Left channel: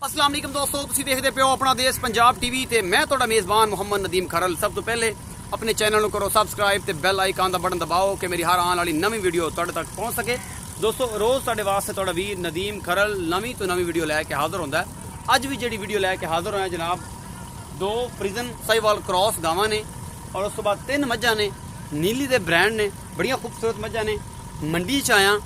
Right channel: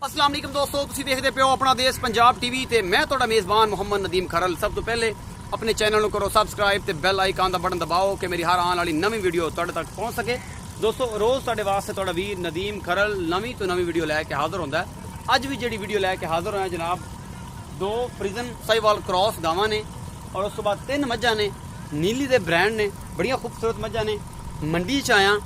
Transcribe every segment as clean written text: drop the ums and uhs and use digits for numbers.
अस्सलाम वालेकुम दोस्तों, तुसीं देखदे पियो अपना देश पंजाब टीवी ते मैं तुहाडा मेज़बान मोहम्मद नदीम खरल। सब तो पहले अपने चैनल को करो सब्सक्राइब ते बेल आइकन दा बटन दबाओ कि मेरी हर आने वाली नवी वीडियो तुहाडे तक पहुंच सके। दोस्तों रोज़ तुहाडे वास्ते तुहाडा वीर नदीम खरल नवी तो नवी वीडियो लैके हाज़र होंदा है। अज भी जिहड़ी वीडियो लैके हाज़र होया जनाब, दो फरीजन साहिवाल क्रॉस गावां ने और उस तो बाद 3 मझां ने नीली दे ब्रांड ने, बड़ियां खूबसूरत मझां ने। मंडी च आया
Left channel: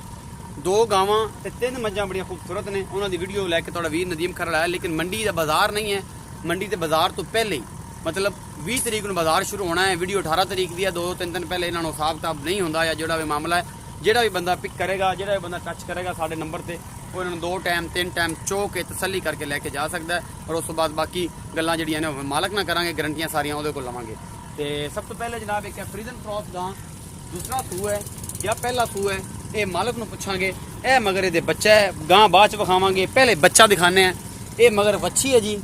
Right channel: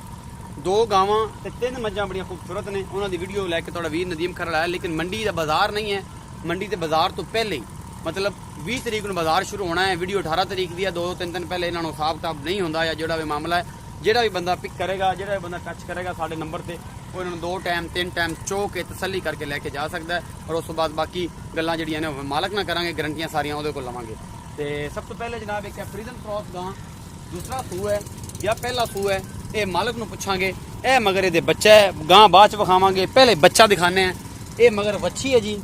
2 गावां ते 3 मझां बड़ियां खूबसूरत ने। उन्हां दी वीडियो लैके तुहाडा वीर नदीम खरल आया, लेकिन मंडी दा बाजार नहीं है। मंडी ते बाजार तो पहले ही मतलब 20 तरीक नूं बाजार शुरू होना है। वीडियो 18 तरीक दी है। 2-3 दिन पहले इन्हां नूं हिसाब किताब नहीं होंदा या जिहड़ा भी मामला है, जिहड़ा भी बंदा पिक करेगा, जिहड़ा भी बंदा टच करेगा साडे नंबर ते वो इन्हां नूं 2 टाइम 3 टाइम चो के तसल्ली करके लैके जा सकदा है। और उस तो बाद बाकी गल्लां जिहड़ियां ने मालक ना करांगे, गारंटियां सारियां उहदे कोल लवांगे। ते सब तो पहले जनाब एक फरीजन क्रॉस गां, दूसरा सूह है या पहला सूह है, ये मालक नूं पुछांगे। ए मगर ये बच्चा है, गां बाद च विखावांगे, पहले बच्चा दिखाने हैं। ये मगर बच्ची है जी,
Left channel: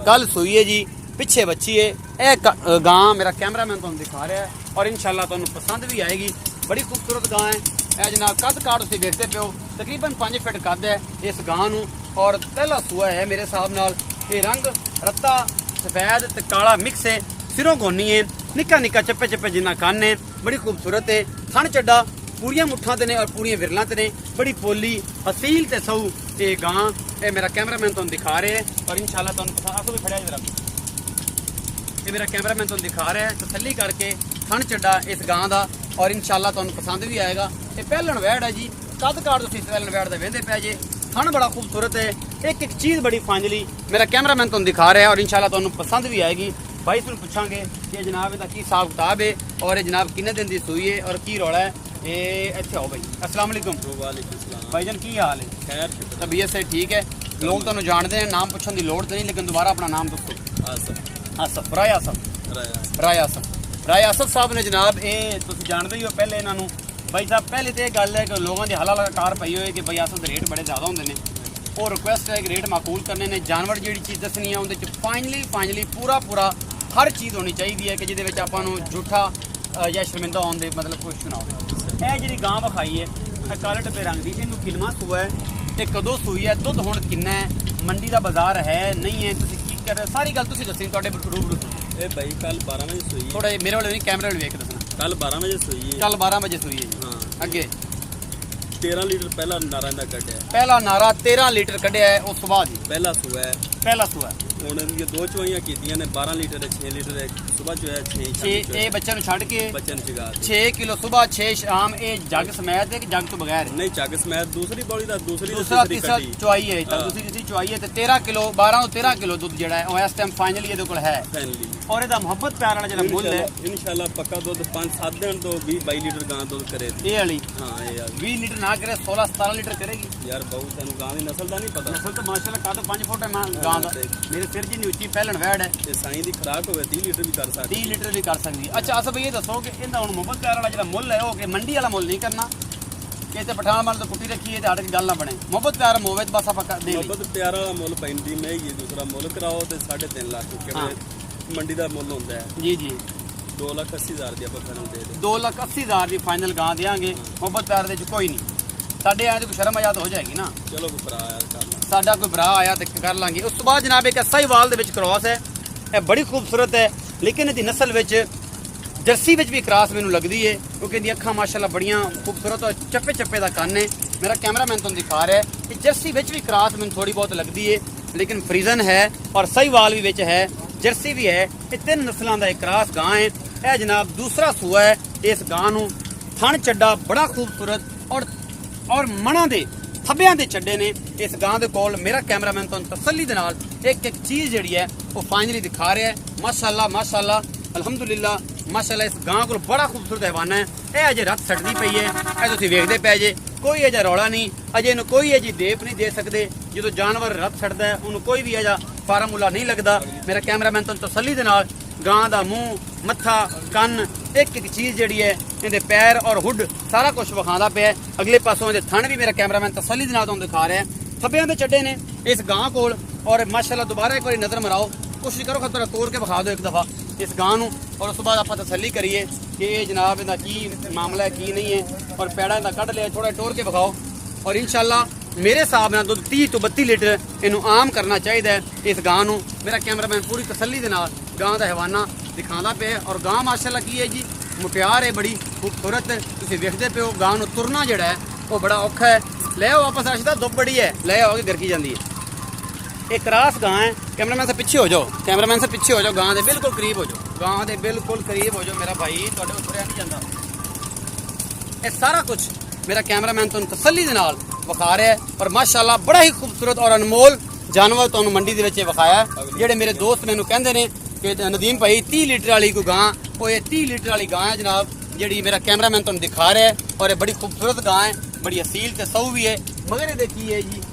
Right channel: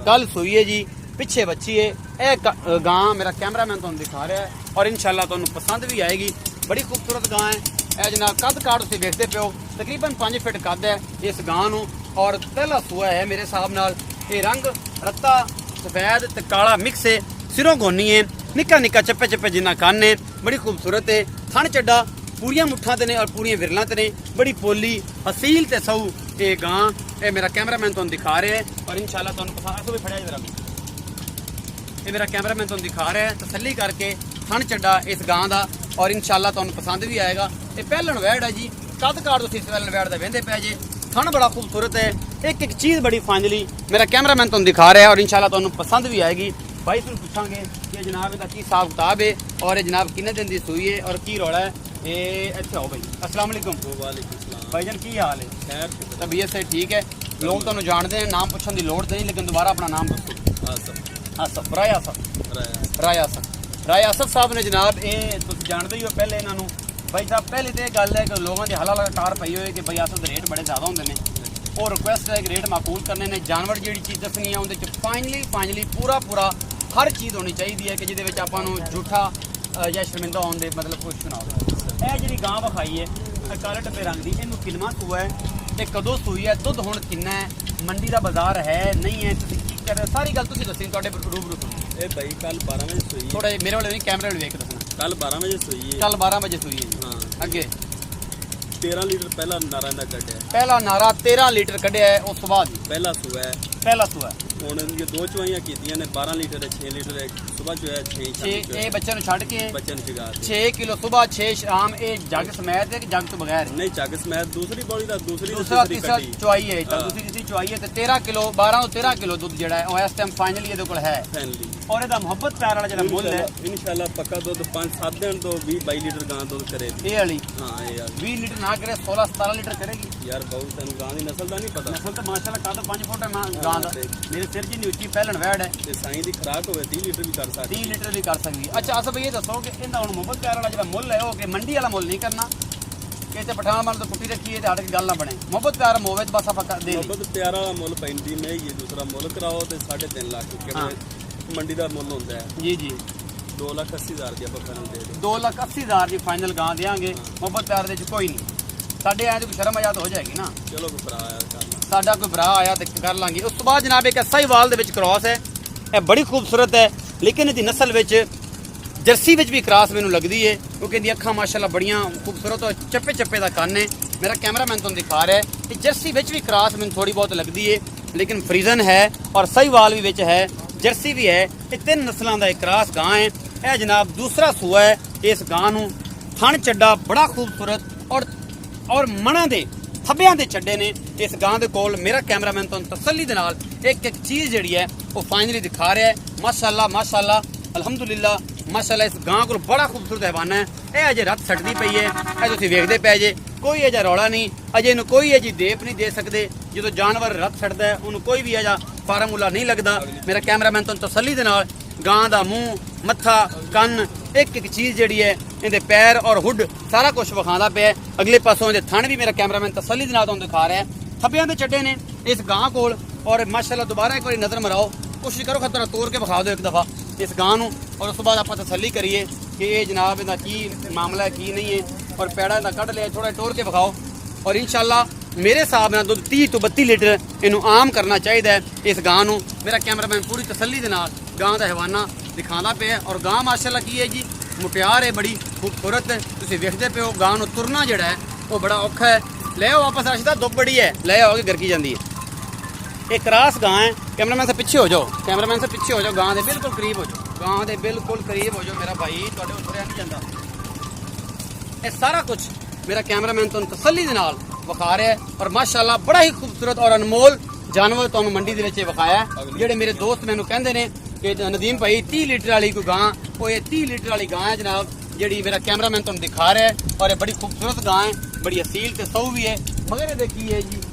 कल सूई है जी, पिछे बच्ची है। ए गां मेरा कैमरामैन तुहानूं दिखा रहा है और इंशाल्लाह तुहानूं पसंद भी आएगी। बड़ी खूबसूरत गां है। ए जनाब कद काट तुसीं देखते पियो, तकरीबन 5 फिट कद है इस गां नूं और पहला सूआ है मेरे हिसाब नाल। ये रंग रत्ता सफेद ते काला मिक्स है, सिरों गोनी है, निक्का निक्का चप्पे चप्पे जिन्ना कन्न है, बड़ी खूबसूरत है। थन चड्डा पूरियां मुठ्ठां ते ने और पूरियां विरलां ते ने, बड़ी पोली हसील ते सऊ ये गां। ये मेरा कैमरामैन तुहानूं दिखा रहे हैं और इंशाल्लाह तुहानूं पसंद भी फड़िया जरा, ये मेरा कैमरामैन तुहानूं दिखा रहा है तसल्ली करके। थन चड्डा इस गां दा और इंशाल्लाह तुहानूं पसंद भी आएगा। ये पहलन वैड़ है जी, कद काट तुसीं इस पहलन वैड़ दा वेंदे पिया जे। थन बड़ा खूबसूरत है, एक एक चीज़ बड़ी फाइनली मेरा कैमरामैन तुहानूं दिखा रहा है और इंशाल्लाह तुहानूं पसंद भी आएगी। भाई तुम पूछांगे कि जनाब इसका की हिसाब किताब है और जनाब किन्ने दिन की सूई है और की रौला है। ये अच्छा हो भाई, अस्सलाम वालेकुम। भाईजान की हाल है? खैर, तबीयत से ठीक है? लोग तुहानूं जानते हैं, नाम पूछने की लोड़ तो नहीं, लेकिन दोबारा अपना नाम दसो। आसफ, राय आसफ साहब ने जनाब, ये तुम जानते ही हो। पहले इन्हों भाई साहब पहले तो यह गल है कि लोगों की हला कार पई हुई है कि भाई आसफ के रेट बड़े ज़्यादा होंगे ने और रिक्वेस्ट है कि रेट माकूल करने ने। जानवर जी चीज़ दसनी है उनके फाइनली पूरा हर चीज़ होनी चाहिए है कि जिहदे आपां नूं झूठा या शर्मिंदा होने दे मतलब कुछ ना हो। यह जी गां विखाई है काले डब्बे रंग की, इनू किलमा सूआ है, ये कदों सूई है, दुध हुण किन्ना है, मंडी का बाजार है नहीं है, तुसीं की कर रहे, सारी गल तुसीं दस्सी तुहाडे रूबरू सुनी। ए भाई कल 12 बजे सूई, थोड़ा मेरे वाले नहीं कैमरे वाले वेख दसना। कल 12 बजे सूई है, कल 12 बजे सूई है। हाँ अगे 13 लीटर पहला नारा ना कढ़िया, पहला नारा 13 लीटर कढ़िया है। उस तो बाद पहला सूआ है, पहला सूआ हुण ये 2 चवाइयां कीतियां ने 12 लीटर 6 लीटर है। सुबह जो है 6 ये बच्चे नूं छड्ड के बच्चे नूं जगा 6 किलो सुबह 6 शाम। ये जग समेत है कि जग तो बगैर? नहीं जग समेत दूसरी बॉडी दा दूसरा तीसरा चुआई है, दूसरी तीसरी चुआई है। 13 किलो 12 तो 13 किलो दुध जिहड़ा है इस टाइम फाइनली ये कोल है। और ਇਹਦਾ ਮੁਹੱਬਤ प्यार वाला ਜਿਹੜਾ ਮੁੱਲ है इंशाल्लाह पक्का दुध 5-7 दिन तो 20-22 लीटर गां दुध करे। ये वाली हां ये यार 20 लीटर ना करे 16-17 लीटर करेगी यार। बहुत सानू गां दी नस्ल दा नहीं पता। नस्ल तो माशाल्लाह का तो 5 फुट है गां दा, मेरे सिर जी नीची पहलन वैड़ है ते साईं दी खुराक होवे 30 लीटर भी कर सकदी, 30 लीटर भी कर सकदी है। अच्छा अस भई ये दसो कि ਇਹਦਾ ਹੁਣ ਮੁਹੱਬਤ प्यार वाला ਜਿਹੜਾ ਮੁੱਲ है ਉਹ कि मंडी वाला मुੱਲ नहीं करना कि ते पठान मान तो कुट्टी रखी है ते हट के गल ना बने। मुहब्बत प्यार होवे तो बस आपा दे मुहब्बत प्यार वाला मुੱਲ पैंदी में ये दूसरा मुੱਲ कराओ ते 3.5 लाख क्योंकि मंडी का मुੱਲ होंदा है। जी जी 2,80,000 दी ਆਪਾਂ ਫਾਈਨਲ ਦੇ ਦੇ 2,80,000 ਦੀ फाइनल गां देंगे। मुहब्बत प्यार दे कोई नहीं साडे आए तो कोई शर्म आजाद हो जाएगी ना। चलो कोई भरा आया कर ला, साडा कोई भरा आया तो कर लांगे। उस तो बाद जनाब एक साहिवाल दे विच क्रॉस है, यह बड़ी खूबसूरत है, लेकिन इसकी नस्ल विच जर्सी विच भी क्रॉस मैनूं लगदी है क्योंकि इहदी अखां माशाल्लाह बड़ियां खूबसूरत और चप्पे चप्पे दा कन्न है। मेरा कैमरामैन तुहानूं दिखा रहा है कि जर्सी विच भी क्रॉस मैनूं थोड़ी बहुत लगदी है, लेकिन फरीजन है और साहिवाल भी विच है, जर्सी भी है। ये 3 नस्लों का एक क्रॉस गां है। यह जनाब दूसरा सूआ है। इस गां नूं थन चड्डा बड़ा खूबसूरत और मणा दे थब्बियां दे चड्डे ने इस गां दे कोल। मेरा कैमरामैन तुहानूं तसल्ली दे नाल एक एक चीज़ जिहड़ी है वो फाइनली दिखा रहा है। माशाल्लाह अल्हम्दुलिल्लाह माशाल्लाह इस गां कोल बड़ा खूबसूरत हैवान है। यह अजे रत छड्डदी पई है, यह तुसीं वेखदे पए जे, कोई अजा रौला नहीं, अजे इहनूं कोई अजी देप नहीं दे सकते। जो जानवर रत छड्डदा है उन्होंने कोई भी अजा फार्मूला नहीं लगता। मेरा कैमरामैन तुहानूं तसल्ली दे नाल गां दा मूँह मत्था कन्न एक एक चीज़ जिहड़ी है इहदे पैर और हुड सारा कुछ विखांदा पिया। अगले पासों इहदे थन भी मेरा कैमरामैन तसल्ली दे नाल तुहानूं दिखा रहा है। थब्बियां दे चड्डे ने इस गां कोल और माशाल्लाह दोबारा एक बार नज़र मराओ, कोशिश करो खतरा तोड़ के विखा दो एक दफ़ा इस गां नूं और उस बाद आप तसल्ली करिए कि ये जनाब इहदा की मामला है की नहीं है। और पैड़ा इहदा कढ़ लिया, थोड़ा टोर के विखाओ और इंशाल्लाह ਮੇਰੇ ਹਿਸਾਬ ਨਾਲ ਦੁੱਧ 30 ਤੋਂ 32 ਲੀਟਰ ਇਹਨੂੰ ਆਮ ਕਰਨਾ ਚਾਹੀਦਾ ਹੈ ਇਸ ਗਾਂ ਨੂੰ। ਮੇਰਾ ਕੈਮਰਾਮੈਨ ਪੂਰੀ ਤਸੱਲੀ ਦੇ ਨਾਲ ਗਾਂ ਦਾ ਹਵਾਨਾ ਦਿਖਾਉਂਦਾ ਪਿਆ। ਔਰ ਗਾਂ ਮਾਸ਼ਾਅੱਲਾ ਕੀ ਹੈ ਜੀ, ਮੁਟਿਆਰ ਹੈ, ਬੜੀ ਖੂਬਸੂਰਤ ਹੈ। ਤੁਸੀਂ ਵੇਖਦੇ ਪਿਓ ਗਾਂ ਨੂੰ ਤੁਰਨਾ ਜਿਹੜਾ ਹੈ ਉਹ ਬੜਾ ਔਖਾ ਹੈ। ਲੈ ਆਓ ਵਾਪਸ ਅਸਦਾ ਦੁੱਧ ਬੜੀ ਹੈ, ਲੈ आओ ਗਰਕੀ ਜਾਂਦੀ ਹੈ। ਇਹ ਕਰਾਸ ਗਾਂ ਹੈ। कैमरामैन से पीछे हो जाओ, कैमरामैन से पीछे हो जाओ, गां दे बिल्कुल करीब हो जाओ, गां दे बिल्कुल करीब हो जाओ मेरा भाई, तुहाडे कोल तुरिया नहीं जांदा। ये सारा कुछ मेरा कैमरामैन तुहानूं तसल्ली दे नाल विखा रहा है। और माशाअल्लाह बड़ा ही खूबसूरत और अनमोल जानवर तुहानूं मंडी दे विच विखाया है। जिहड़े मेरे दोस्त मैनूं कहंदे ने कि नदीम भाई 30 लीटर वाली कोई गां, वो ये 30 लीटर वाली गां है जनाब, जिहड़ी मेरा कैमरामैन तुहानूं दिखा रहा है। और ये बड़ी खूबसूरत गां है, बड़ी असील ते सऊ भी है। मगर ये देखिए जी,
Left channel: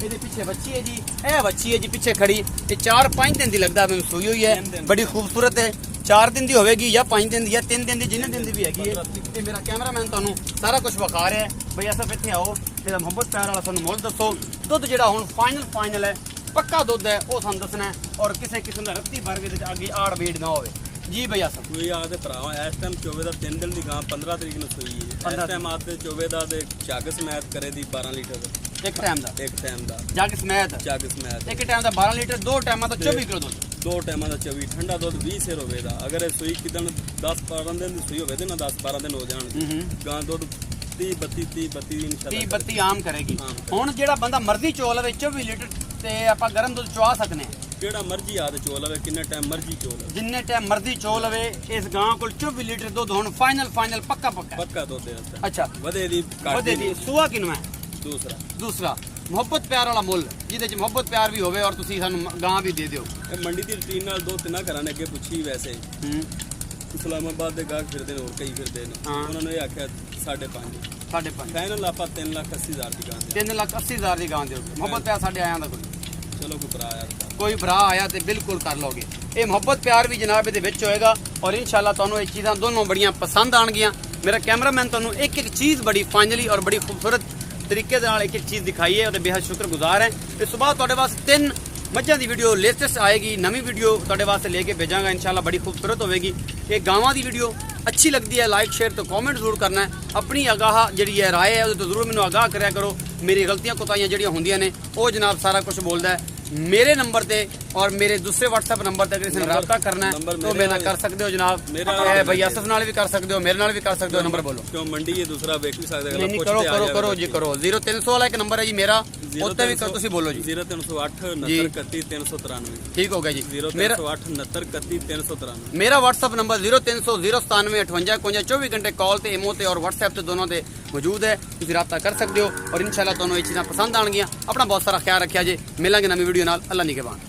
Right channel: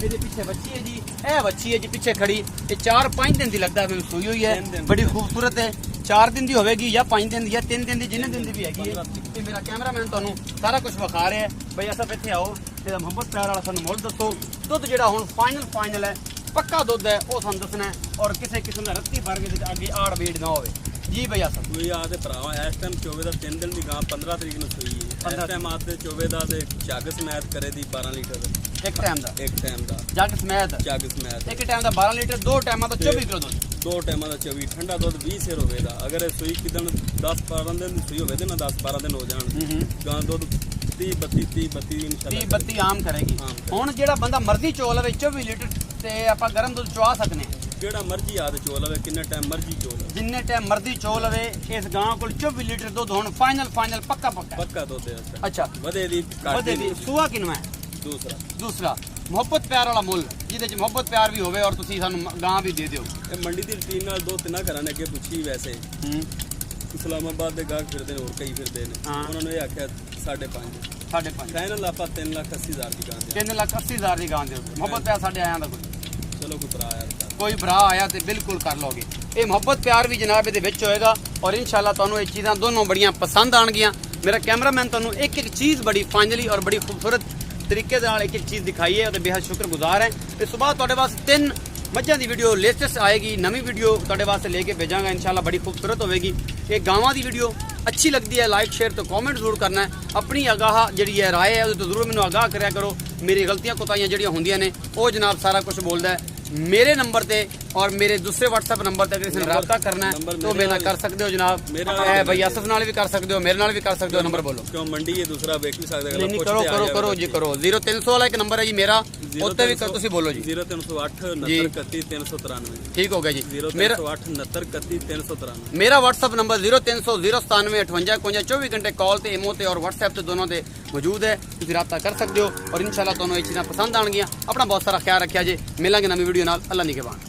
ਇਹਦੇ ਪਿੱਛੇ ਬੱਚੀ ਹੈ ਜੀ, ਇਹ ਬੱਚੀ ਹੈ ਜੀ ਪਿੱਛੇ ਖੜੀ। ਇਹ 4-5 ਦਿਨ ਦੀ ਲੱਗਦਾ ਮੈਨੂੰ ਸੂਈ ਹੋਈ ਹੈ, ਬੜੀ ਖੂਬਸੂਰਤ ਹੈ। 4 ਦਿਨ ਦੀ ਹੋਵੇਗੀ ਜਾਂ 5 ਦਿਨ ਦੀ ਜਾਂ 3 ਦਿਨ ਦੀ, ਜਿੰਨੇ ਦਿਨ ਦੀ ਵੀ ਹੈਗੀ ਹੈ। ਇਹ ਮੇਰਾ ਕੈਮਰਾਮੈਨ ਤੁਹਾਨੂੰ ਸਾਰਾ ਕੁਝ ਵਿਖਾ ਰਿਹਾ ਹੈ। ਬਈ ਅਸਾਂ ਇੱਥੇ ਆਓ, ਜਿਹੜਾ ਮੁਹੱਬਤ ਪਿਆਰ ਵਾਲਾ ਤੁਹਾਨੂੰ ਮੁੱਲ ਦੱਸੋ। ਦੁੱਧ ਜਿਹੜਾ ਹੁਣ ਫਾਈਨਲ ਹੈ, ਪੱਕਾ ਦੁੱਧ ਹੈ, ਉਹ ਤੁਹਾਨੂੰ ਦੱਸਣਾ ਹੈ। ਔਰ ਕਿਸੇ ਕਿਸਮ ਦਾ ਰੱਤੀ ਵਰਗੇ ਦੇ ਅੱਗੇ ਆੜ ਵੇੜ ਨਾ ਹੋਵੇ ਜੀ। ਬਈ ਅਸਾਂ ਕੋਈ ਆਦੇ ਭਰਾਵਾ ਇਸ ਟਾਈਮ ਚੋਵੇ ਦਾ 3 ਦਿਨ ਦੀ ਗਾਂ 15 ਤਰੀਕ ਨੂੰ ਸੂਈ ਹੈ। ਇਸ ਟਾਈਮ ਆਦੇ ਚੋਵੇ ਦਾ ਤੇ ਝੱਗ ਸਮੈਤ ਕਰੇ ਦੀ 12 ਲੀਟਰ ਇੱਕ ਟਾਈਮ ਦਾ ਜੱਗ ਸਮੈਤ ਇੱਕ ਟਾਈਮ ਦਾ 12 ਲੀਟਰ, ਦੋ ਟਾਈਮਾਂ ਦਾ 24 ਕਿਲੋ ਦੁੱਧ, ਦੋ ਟਾਈਮਾਂ ਦਾ 24 ਠੰਡਾ ਦੁੱਧ 20 ਸਿਰ ਹੋਵੇਗਾ। ਅਗਰ ਇਹ ਸੂਈ ਕਿਦਣ 10-12 ਦਿਨ ਦੀ ਸੂਈ ਹੋਵੇ ਤੇ ਨਾ 10-12 ਦਿਨ ਹੋ ਜਾਣ, ਗਾਂ ਦੁੱਧ 30-32 ਇਨਸ਼ਾਅੱਲਾ 30-32 ਆਮ ਕਰੇਗੀ। ਹੁਣ ਜਿਹੜਾ ਬੰਦਾ ਮਰਜ਼ੀ ਚੋ ਲਵੇ 24 ਲੀਟਰ ਤੇ ਆਪਾਂ ਗਰਮ ਦੁੱਧ ਚਵਾ ਸਕਨੇ ਆ। ਜਿਹੜਾ ਮਰਜ਼ੀ ਆਦ ਚੋ ਲਵੇ, ਕਿੰਨਾ ਟਾਈਮ ਮਰਜ਼ੀ ਚੋ ਲਵੇ, ਜਿੰਨੇ ਟਾਈਮ ਮਰਜ਼ੀ ਚੋ ਲਵੇ। ਇਸ ਗਾਂ ਕੋਲ 24 ਲੀਟਰ ਦੁੱਧ ਹੁਣ ਫਾਈਨਲ ਪੱਕਾ ਦੁੱਧ ਹੈ। ਅੱਛਾ ਵਧੇ ਦੀ ਸੂਆ ਕਿਨੂੰ ਹੈ? ਦੂਸਰਾ ਮੁਹੱਬਤ ਪਿਆਰ ਵਾਲਾ ਮੁੱਲ, ਜਿਹਦੇ ਚ ਮੁਹੱਬਤ ਪਿਆਰ ਵੀ ਹੋਵੇ ਔਰ ਤੁਸੀਂ ਸਾਨੂੰ ਗਾਂ ਵੀ ਦੇ ਦਿਓ। ਇਹ ਮੰਡੀ ਦੀ ਰੁਟੀਨ ਨਾਲ ਦੋ ਤਿੰਨਾਂ ਘਰਾਂ ਨੇ ਅੱਗੇ ਪੁੱਛੀ ਵੈਸੇ ਇਸਲਾਮਾਬਾਦ ਦੇ ਗਾਹਕ ਫਿਰਦੇ ਨੇ, ਹੋਰ ਕਈ ਫਿਰਦੇ ਨੇ, ਉਹਨਾਂ ਨੇ ਇਹ ਆਖਿਆ 5.5 ਫਾਈਨਲ ਆਪਾਂ 3,80,000 ਦੀ ਗਾਂ ਦੇ 3,80,000 ਦੀ ਗਾਂ ਦਿਓ। ਮੁਹੱਬਤ ਪਿਆਰ ਸਾਡੇ ਆਇਆਂ ਦਾ ਚਲੋ ਕੋਈ ਭਰਾ ਆਇਆ ਤੇ ਬਿਲਕੁਲ ਕਰ ਲੋਗੇ। ਇਹ ਮੁਹੱਬਤ ਪਿਆਰ ਵੀ ਜਨਾਬ ਇਹਦੇ ਵਿੱਚ ਹੋਏਗਾ। ਔਰ ਇਨਸ਼ਾਅੱਲਾ ਤੁਹਾਨੂੰ ਇਹ ਚੀਜ਼ਾਂ ਦੋਨੋਂ ਬੜੀਆਂ ਪਸੰਦ ਆਣਗੀਆਂ। ਮੇਰਾ ਕੈਮਰਾਮੈਨ ਤੁਹਾਨੂੰ ਇੱਕ ਚੀਜ਼ ਬੜੀ ਫਾਈਨਲੀ ਔਰ ਬੜੀ ਖੂਬਸੂਰਤ ਤਰੀਕੇ ਦੇ ਨਾਲ ਇੱਕ ਚੀਜ਼ ਦਿਖਾਈ ਹੈ, ਉਹਦੇ ਬੇਹੱਦ ਸ਼ੁਕਰਗੁਜ਼ਾਰ ਹੈ। ਇਸ ਤੋਂ ਬਾਅਦ ਤੁਹਾਡੇ ਵਾਸਤੇ 3 ਮੱਝਾਂ ਦੀ ਵੀਡੀਓ ਲੇਟੈਸਟ ਆਏਗੀ, ਨਵੀਂ ਵੀਡੀਓ ਤੁਹਾਡੇ ਵਾਸਤੇ ਲੈ ਕੇ ਭੇਜਾਂਗਾ ਇਨਸ਼ਾਅੱਲਾ, ਬੜੀ ਖੂਬਸੂਰਤ ਹੋਵੇਗੀ। ਇਹ ਗਾਵਾਂ ਦੀ ਵੀਡੀਓ अच्छी लगती है लाइक शेयर तो कमेंट जरूर करना है। अपनी आगाह जी है राय है तो जरूर मैंने आगाह कराया करो। मेरी गलतियां कोताहियां जड़ियां होंदियां ने वो जनाब सारा कुछ बोलता है मेरे नंबर ते और मेरे दूसरे व्हाट्सएप नंबर ते अगर रब्ता करना है तो मेरे नाल कर सकते हो जनाब। भाई असफ नाल भी कर सकते हो, मेरे नाल भी कर सकते हो। नंबर बोलो क्यों मंडी है दूसरा वेख भी सकते हो। करो करो करो जी करो। 0300 वाला एक नंबर है जी मेरा, उत्ते भी तुसी बोलो जी। 0308 69 31 393 ठीक हो गया जी। 0308 69 31 393 मेरा व्हाट्सएप नंबर 0300 097 58 51 24 घंटे कॉल ते इमो ते और व्हाट्सएप ते दोनों ते मौजूद है। तुसी रब्ता कर सकते हो और इंशाल्लाह तुहानू ये चीज़ां पसंद आएंगियां। अपना बहुत सारा ख्याल रखिया जी। मिलांगे नवी वीडियो नाल। अल्लाह निगहबान।